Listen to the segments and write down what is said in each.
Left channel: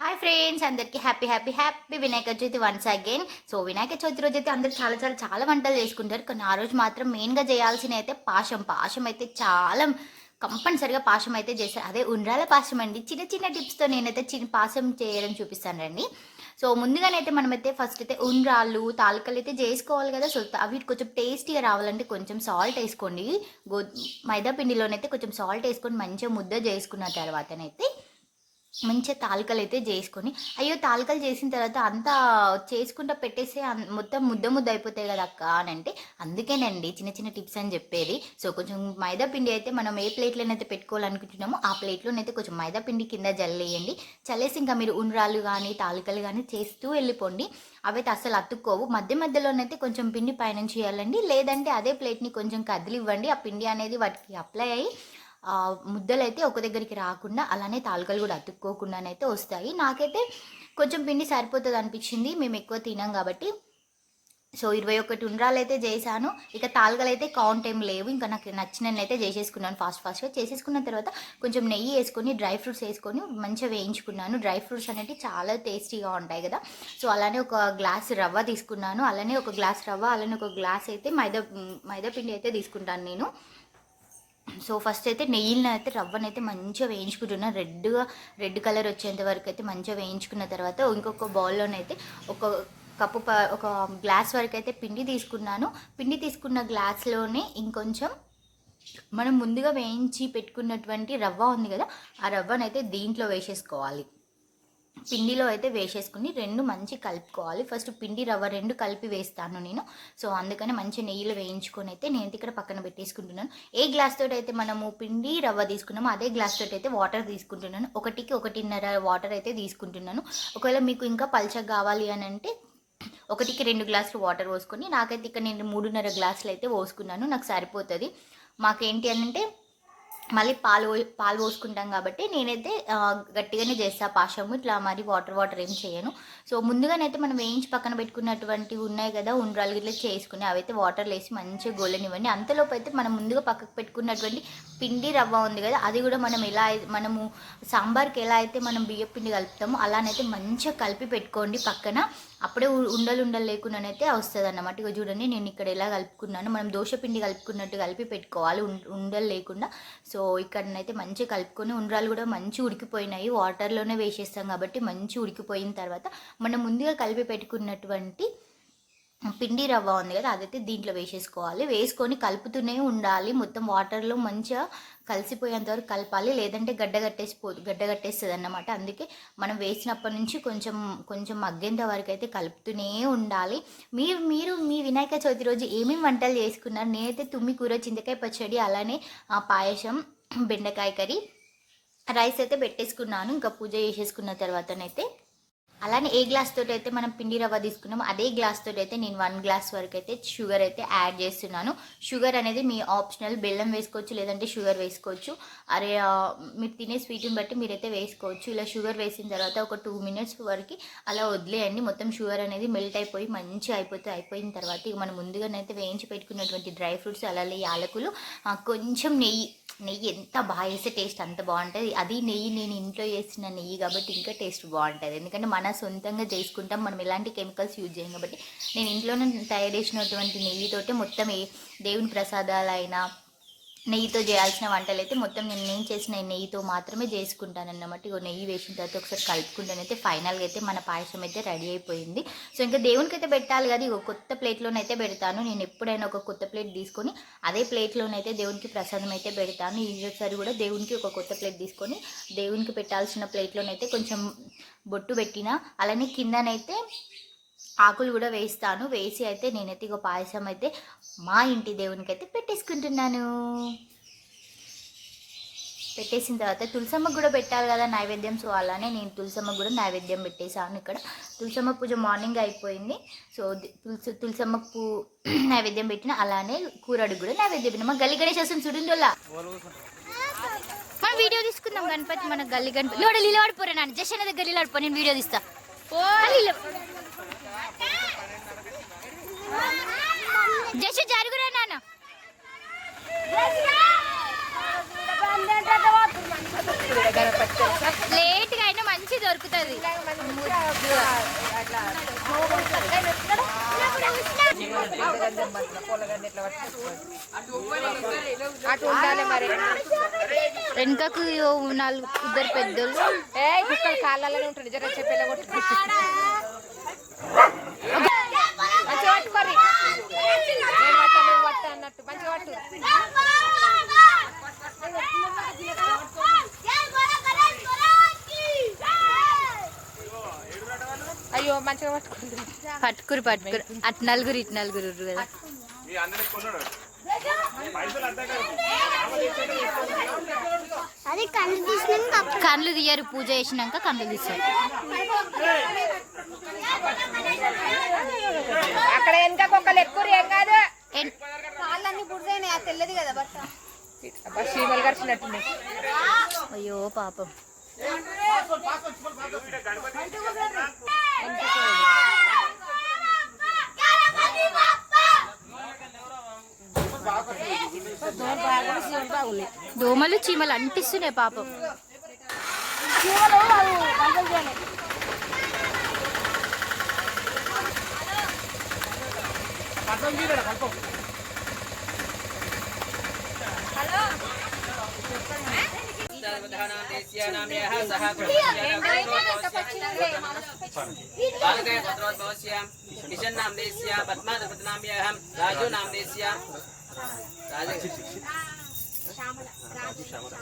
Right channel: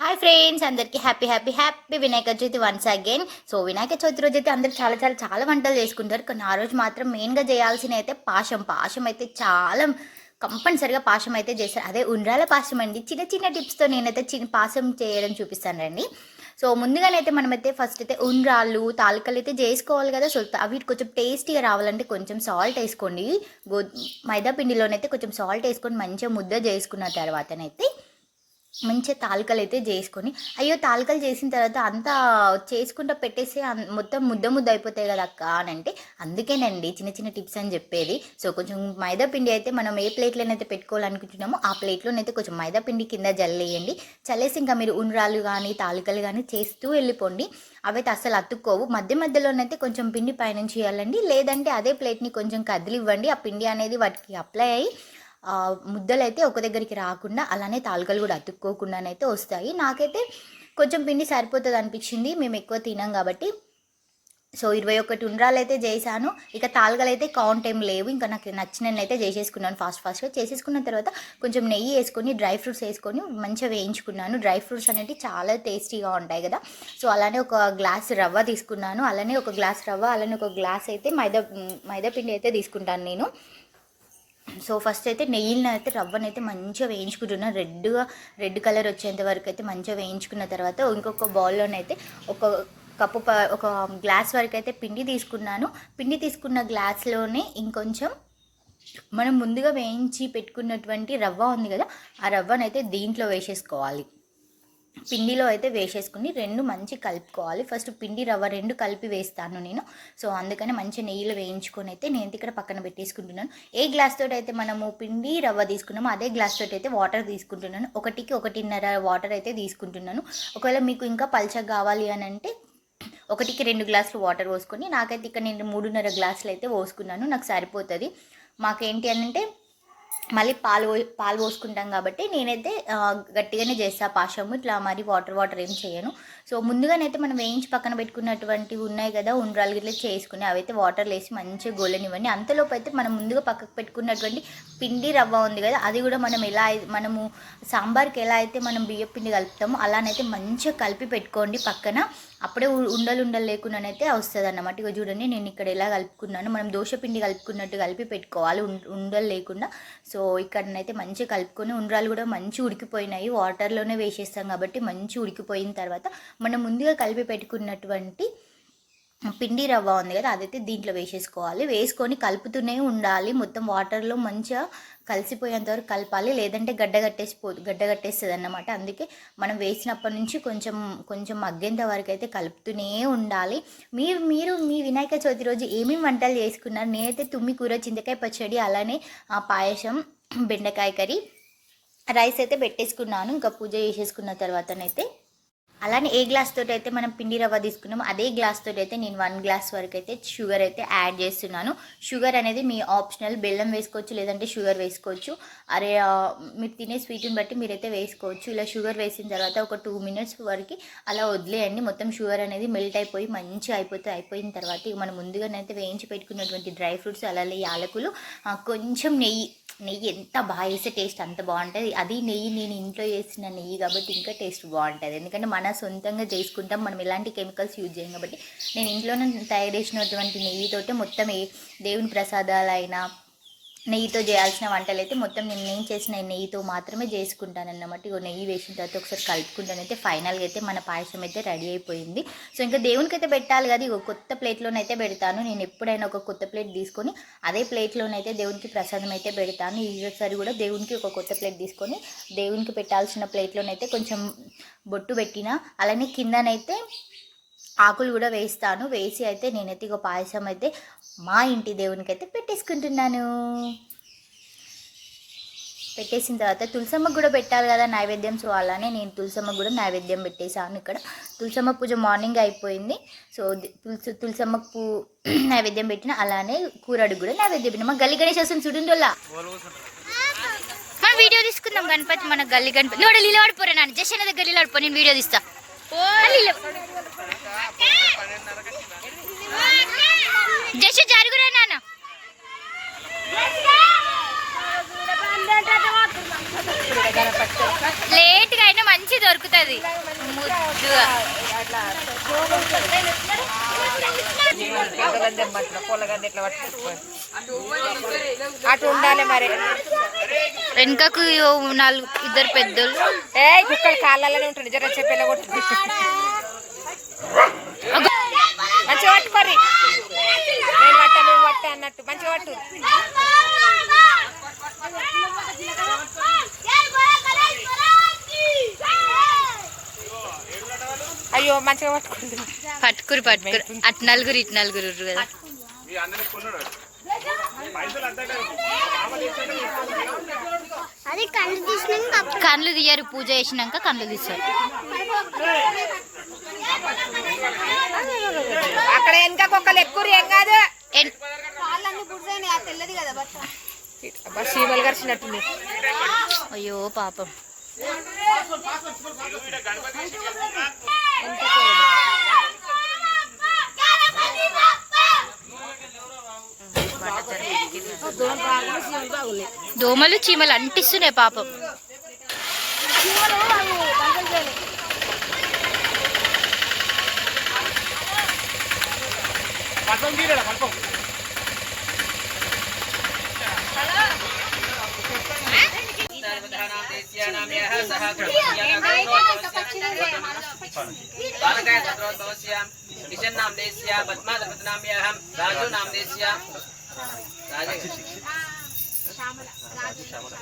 Hi friends, అందరికీ happy happy happy Vinayaka Chavithi once again. So Vinayaka Chavithi రోజు అయితే అందరూ చాలా చాలా చాలా వంటలు చేసుకుంటారు. కానీ ఆ రోజు మాత్రం మెయిన్గా చేయాల్సిన అయితే పాశం అయితే చాలా కంపల్సరిగా పాశం అయితే చేస్తారు. అదే ఉండ్రాల పాశం అండి. చిన్న చిన్న టిప్స్తో నేనైతే పాశం చేయడం చూపిస్తాను రండి. సో ముందుగానైతే మనమైతే ఫస్ట్ అయితే ఉండ్రాళ్ళు తాలికలు అయితే చేసుకోవాలి కదా. సో అవి కొంచెం టేస్టీగా రావాలంటే కొంచెం సాల్ట్ వేసుకోండి. మైదా పిండిలోనైతే కొంచెం సాల్ట్ వేసుకొని మంచిగా ముద్ద చేసుకున్న తర్వాతనైతే మంచిగా తాలికలు అయితే చేసుకొని, అయ్యో తాలికలు చేసిన తర్వాత అంతా చేసుకుంటూ పెట్టేసి మొత్తం ముద్ద ముద్ద అయిపోతాయి కదా అక్క అని అంటే, అందుకేనండి చిన్న చిన్న టిప్స్ అని చెప్పేది. సో కొంచెం మైదా పిండి అయితే మనం ఏ ప్లేట్లోనైతే పెట్టుకోవాలనుకుంటున్నామో ఆ ప్లేట్లోనైతే కొంచెం మైదా పిండి కింద జల్లేయండి. చల్లేసి ఇంకా మీరు ఉండ్రాలు కానీ తాలికలు కానీ చేస్తూ వెళ్ళిపోండి. అవైతే అస్సలు అతుక్కోవు. మధ్య మధ్యలోనైతే కొంచెం పిండి పైనుంచి చేయాలండి, లేదంటే అదే ప్లేట్ని కొంచెం కదిలివ్వండి. ఆ పిండి అనేది వాటికి అప్లై అయ్యి ముద్దలు అయితే ఒక దగ్గరికి రాకుండా, అలానే తాలికలు కూడా అతుక్కోకుండానైతే వస్తాయి. నాకైతే కొంచెం పిండి సరిపోతుంది అనిపించింది, మేము ఎక్కువ తినాం కాబట్టి. సో 21 ఉండ్రాలు అయితే చేశాను. ఇక తాలికలు అయితే కౌంట్ ఏం లేవు. ఇంకా నాకు నచ్చినవి అయితే చేసేసుకున్నాను. ఫాస్ట్గా చేసేసుకున్న తర్వాత కొంచెం నెయ్యి వేసుకొని డ్రై ఫ్రూట్స్ వేసుకొని మంచిగా వేయించుకున్నాను. డ్రై ఫ్రూట్స్ అనేవి చాలా టేస్టీగా ఉంటాయి కదా. సో అలానే ఒక గ్లాస్ రవ్వ తీసుకున్నాను. అలానే ఒక గ్లాస్ రవ్వ, అలానే ఒక గ్లాస్ అయితే మైదా పిండి అయితే తీసుకుంటాను నేను. సో ఫస్ట్ అయితే నెయ్యిని అయితే రవ్వనైతే మంచిగా వేయించుకుంటున్నాను. రెడ్ కలర్ వచ్చేంత వరకు అయితే మంచిగా వేయించుకున్న తర్వాత ఇంకొక బౌల్లోనైతే ఒక గ్లాస్ వరకు అయితే పిండి తీసుకున్నాను. పిండి తీసుకున్న గ్లాస్లోనే ఇంకొంచెం మనం ముందుగా వేయించి పెట్టుకున్నటువంటి రవ్వ ఉంది కదా, ఆ రవ్వనైతే దీంట్లో వేసేసుకోవాలి. పిండిలో అయితే వేసేసుకుని రెండు మంచి కలుపుకోవాలి. ఫస్ట్ పిండి రవ్వ రెండు కలిపి వేస్తాను నేను. సో అందుకని మంచి నెయ్యిలో వేయించుకొని అయితే నేను ఇక్కడ పక్కన పెట్టేసుకుంటున్నాను. ఏ గ్లాస్ తోటి అయితే మనము పిండి రవ్వ తీసుకున్నామో అదే గ్లాస్ తోటి అయితే వాటర్ తీసుకుంటున్నాను. 1:1.5 వాటర్ అయితే తీసుకుంటున్నాను. ఒకవేళ మీకు ఇంకా పల్చగా కావాలి అని అంటే 1కి 2 గ్లాసులు వాటర్ పోసుకొని, నాకైతే ఇక్కడ నేను 3.5 గ్లాసులు అయితే పోసుకున్నాను. నాకు సరిపోతుంది. మాకేంటి అని అంటే మళ్ళీ పాలు పోసుకుంటాం కాబట్టి నేనైతే గట్టిగానే చేస్తాను పాశము. ఇట్లా మరి వాటర్ ఏం చేయను. సో ముందుగానైతే మనం వేయించి పక్కన పెట్టుకున్నటువంటివి ఉన్నాయి కదా ఉండ్రాలు గిట్లా చేసుకుని, అవైతే వాటర్లో వేసి మంచిగా గోలనివ్వండి. అంతలోపు అయితే మనం ముందుగా పక్కకు పెట్టుకున్నటువంటి పిండి రవ్వ ఉంది కదా, అది కూడా మనము సాంబార్కి ఎలా అయితే మనం బియ్యం పిండి కలుపుతామో అలానైతే మంచిగా కలిపి పెట్టుకోండి పక్కన. అప్పుడే ఉండలు లేకుండానైతే వస్తుంది అన్నమాట. ఇక చూడండి నేను ఇక్కడ ఎలా కలుపుకున్నాను. మనం దోశ పిండి కలుపుకున్నట్టు కలిపి పెట్టుకోవాలి ఉండలు లేకుండా. సో ఇక్కడనైతే మంచిగా కలుపుకొని, ఉండ్రాలు కూడా మంచి ఉడికిపోయినాయి. వాటర్లోనే వేసేస్తాం కాబట్టి మంచి ఉడికిపోయిన తర్వాత మనం ముందుగా కలిపి పెట్టుకున్నటువంటి పిండి రవ్వ ఉంది కదా, అదైతే దీంట్లో వేసేసుకోవాలి. వేసుకొని కలుపుతూనే ఉండాలి. మొత్తం వాటర్లో మంచిగా కలిసిపోయేంత వరకు కలపాలి, లేదంటే గడ్డ కట్టేస్తుంది అన్నమాట. అందుకే మనం వేసినప్పటి నుంచి కొంచెం మగ్గేంత వరకు అయితే కలుపుతూనే ఉండాలి. మీరు మీ వినాయక చవితి రోజు ఏమేమి వంటలు చేసుకున్నారు? నేనైతే తుమ్మి కూర, చింతకాయ పచ్చడి, అలానే పాయసం, బెండకాయ కర్రీ, రైస్ అయితే పెట్టేసుకున్నాను. ఇంకా పూజ చేసేసుకున్న తర్వాతనైతే అలానే ఏ గ్లాస్ తోటి అయితే మనం పిండి రవ్వ తీసుకున్నామో అదే గ్లాస్ తోటి అయితే నేను 1 గ్లాస్ వరకు అయితే షుగర్ అయితే యాడ్ చేస్తున్నాను. షుగర్ అనేది మీ ఆప్షనల్, బెల్లం వేసుకోవచ్చు లేదంటే షుగర్ వేసుకోవచ్చు. మీరు తినే స్వీట్ని బట్టి మీరైతే వేసుకోవచ్చు. ఇలా షుగర్ వేసిన తర్వాత ఒక 2 మినిట్స్ వరకు అలా వదిలేయండి. మొత్తం షుగర్ అనేది మెల్ట్ అయిపోయి మంచిగా అయిపోయిన తర్వాత ఇక మనం ముందుగానైతే వేయించి పెట్టుకున్నటువంటి డ్రై ఫ్రూట్స్, అలాగే యాలకులు, కొంచెం నెయ్యి ఎంత బాగా వేస్తే టేస్ట్ అంత బాగుంటుంది. అది నెయ్యి నేను ఇంట్లో చేసిన నెయ్యి కాబట్టి ఇంకా టేస్ట్ బాగుంటుంది. ఎందుకంటే మన సొంతంగా చేసుకుంటాం, మనం ఎలాంటి కెమికల్స్ యూజ్ చేయం కాబట్టి. నేను ఇంట్లోనే తయారు చేసినటువంటి నెయ్యితోటే మొత్తం దేవుని ప్రసాదాలైనా నెయ్యితో చేయాల్సిన వంటలు అయితే మొత్తం నేను చేసిన నెయ్యితో మాత్రమే చేసుకుంటాను అన్నమాట. ఇక నెయ్యి వేసిన తర్వాత ఒకసారి కలుపుకుంటానైతే ఫైనల్గా అయితే మన పాయసం అయితే రెడీ అయిపోయింది. సో ఇంకా దేవునికి అయితే పెట్టాలి కదా, ఇక కొత్త ప్లేట్లోనైతే పెడతాను. నేను ఎప్పుడైనా ఒక కొత్త ప్లేట్ తీసుకొని అదే ప్లేట్లోనైతే దేవునికి ప్రసాదం అయితే పెడతాను. ఈసారి కూడా దేవునికి ఒక కొత్త ప్లేట్ తీసుకొని దేవునికి పెట్టాల్సిన ప్లేట్లోనైతే కొంచెం బొట్టు పెట్టిన, అలానే కిందనైతే ఆకులు కూడా వేస్తాను. వేసి అయితే నేనైతే ఇక పాయసం అయితే మా ఇంటి దేవునికి అయితే పెట్టేసుకుంటున్నాను. పెట్టేసిన తర్వాత తులసమ్మకు కూడా పెట్టాలి కదా నైవేద్యం. సో అలానే నేను తులసమ్మకు కూడా నైవేద్యం పెట్టేశాను. ఇక్కడ తులసమ్మ పూజ మార్నింగ్ అయిపోయింది. సో తులసమ్మకు నైవేద్యం పెట్టిన, అలానే కూరడికి కూడా నైవేద్యం పెట్టిన. మా గల్లి గణేష్ వస్తుంది చూడండిలా, మనం వీడియో తీసుకుందాం. గణపతి మన గల్లి గణపతి లోడ లీల పడిపోరా నాన్న, జస్ట్ దగ్గర లీల పడిపో, నేను వీడియో తీస్తా. జస్ట్ జరుగురా నాన్న. లేట్గా అయినా మంచి దొరుకుతుంది. వెనుకకు ఇద్దరు పెద్దోళ్ళు కాళ్ళలోనే ఉంటుంది. జర చెప్పేలా కొట్టు మంచిగా పట్టు మరి. నేను పట్ట నువ్వు పట్ట అన్నట్టు మంచిగా పట్టు. అయ్యో మంచిగా పట్టుకురు అటు నలుగురు ఇటు నలుగురు కదా. కళ్ళు తీయరు, పూజ చేసినాక కళ్ళు తీస్తారు. అక్కడ వెనక ఒక్కరు ఎక్కువ ఏం కాదు. చీమలు కరిచినట్టుంది. అయ్యో పాపం. దోమలు చీమలు అంటిస్తున్నాయి పాపం.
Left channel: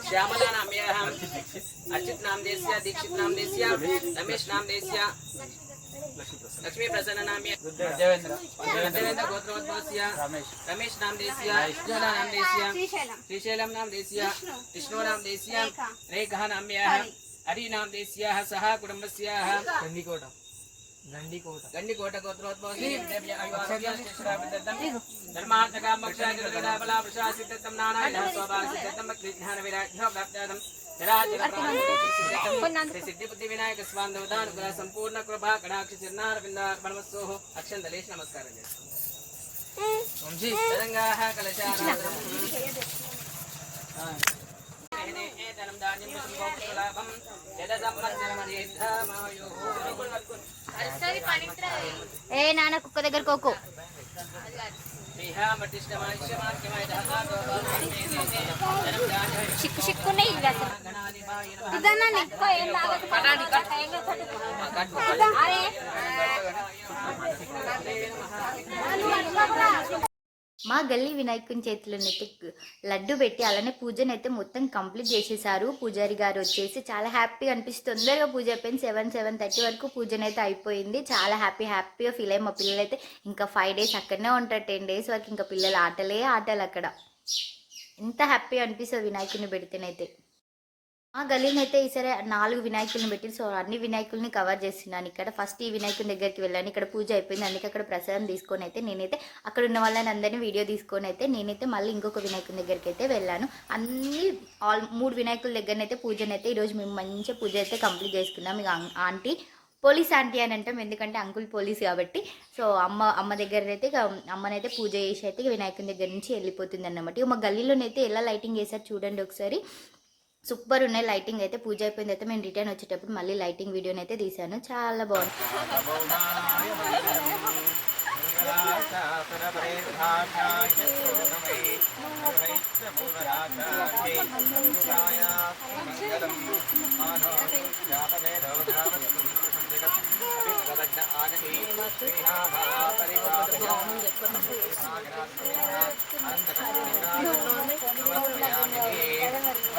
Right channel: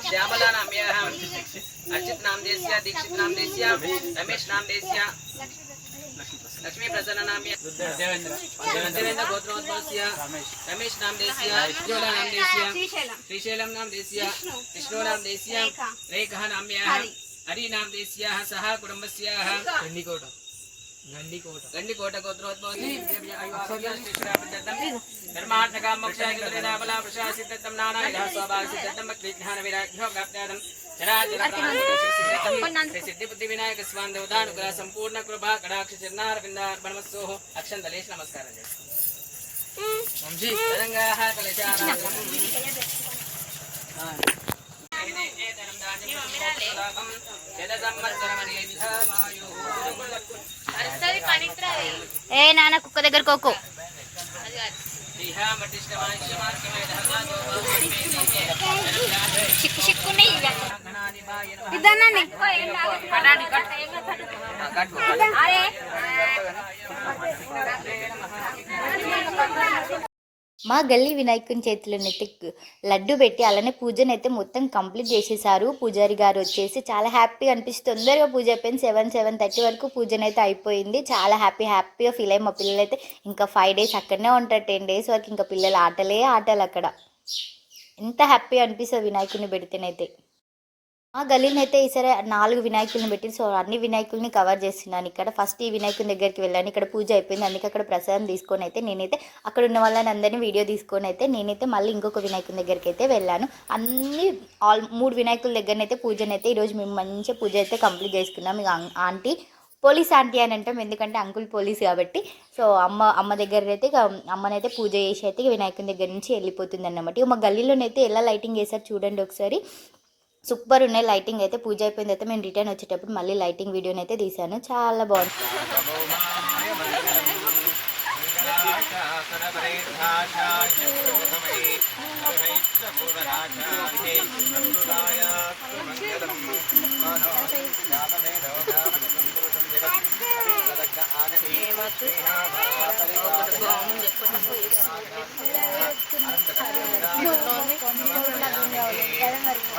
श्यामला नाम्यहम् अर्चित नाम देस्य दीक्षित नाम देस्य रमेश नाम देस्य लक्ष्मी प्रसन्न नाम्य देवेंद्र गोत्रोद्भवस्य रमेश नाम देस्य ज्योला नाम देस्य श्रीशैलम नाम देस्य विष्णु नाम देस्य रेखः नाम्यः हरि नाम देस्य सह कुटुंबस्यः गंडीकोट गोत्रोद्भवस्य धर्मार्थकाम मोक्षादित्रिनाबला प्रशासितत्तं नानाविधः स्वभावसिद्धत्तं विज्ञान विराग्यो प्राप्त्यर्थं चराचरप्राणसिद्धत्तं सिद्धिबुद्धि विनायक स्वान् देवतानुग्रह संपूर्ण कृपा कटाक्ष चरणारविन्दार्पणमस्तोः अक्षन्तलेश नमस्कारं तरंगाः कलशानाथम् ఏ నాన్న కుక్క దగ్గర కోకో. చిక్కు చిక్కుని మా గల్లీ వినాయకుని చేతిలోనైతే లడ్డు పెట్టి అలానే పూజనైతే మొత్తం కంప్లీట్ చేసేసారు. పూజారి గారు వచ్చేసి చాలా హ్యాపీగా అనిపిస్తుంది. తొందరగా పూజ అయిపోయింది. 7:30 వరకు పూజనైతే అయిపోయింది. చాలా హ్యాపీగా ఫీల్ అయ్యి మా పిల్లలు అయితే ఇంకా 5 days అక్కడనే ఉంటారు. 10 days వరకు ఇంకా పిల్లలు ఆటలు అక్కడ. ఎంత హ్యాపీగా అనిపిస్తుంది వినాయకుడిని పెడితేనైతే. మా గల్లీని అయితే ఈసారి 4 వినాయకుల్ని పెట్టి సో అన్ని వినాయకుల్ని కవర్ చేస్తున్నాను. ఇక్కడ ఫస్ట్ ఈ వినాయకుని దగ్గరికి వెళ్ళాను. ఇక్కడ పూజ అయిపోయింది. అందుకే అక్కడ ప్రసాదం తీసుకొని అయితే నేనైతే అక్కడ ఉన్న వాళ్ళని అందరినీ వీడియో తీసుకొని అయితే నేనైతే మళ్ళీ ఇంకొక వినాయకుని దగ్గరికి అయితే వెళ్ళాను. అన్ని 3 వినాయకుల దగ్గరనైతే పూజనైతే ఈరోజు మేము మంచిగా పూజ అయితే కంప్లీట్ చేసుకున్నాం. ఇక ఆంటీ పోలీస్ ఆంటీ అని అంటాం, ఎందుకంటే అంకుల్ పోలీస్ కాబట్టి. సో అమ్మ దగ్గర అయితే అమ్మనైతే పూజ చేసి అయితే వినాయకుని దగ్గర నుంచి వెళ్ళిపోతుంది అన్నమాట. ఇక మా గల్లీలోనైతే ఎలా లైటింగ్ చేశారు చూడండి ఒకసారి. సూపర్ ఉన్నాయి లైటింగ్ అయితే. పూజ అయిపోయింది అయితే మేము రిటర్న్ వచ్చేటప్పుడు మళ్ళీ లైటింగ్ వీడియోని అయితే తీశాను. చాలా బాగుంది.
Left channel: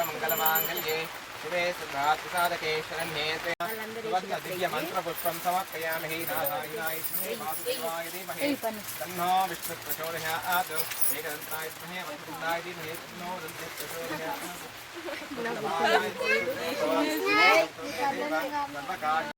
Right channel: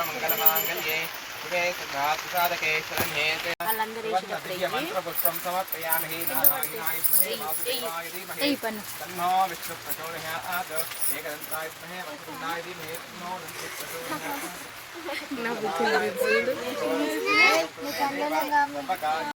మంగళమాంగళ్యే శివే సుఖాత్సాదకే శరణ్యేతే మంత్రపుష్పం సమర్పయామి. నారాయణాయ వాసుదేవాయ ధీమహి తన్నో విష్ణు ప్రచోదయాత్. ఏకదంతాయ విద్మహే వజ్రతుండాయ ధీమహి తన్నో దంతి ప్రచోదయాత్.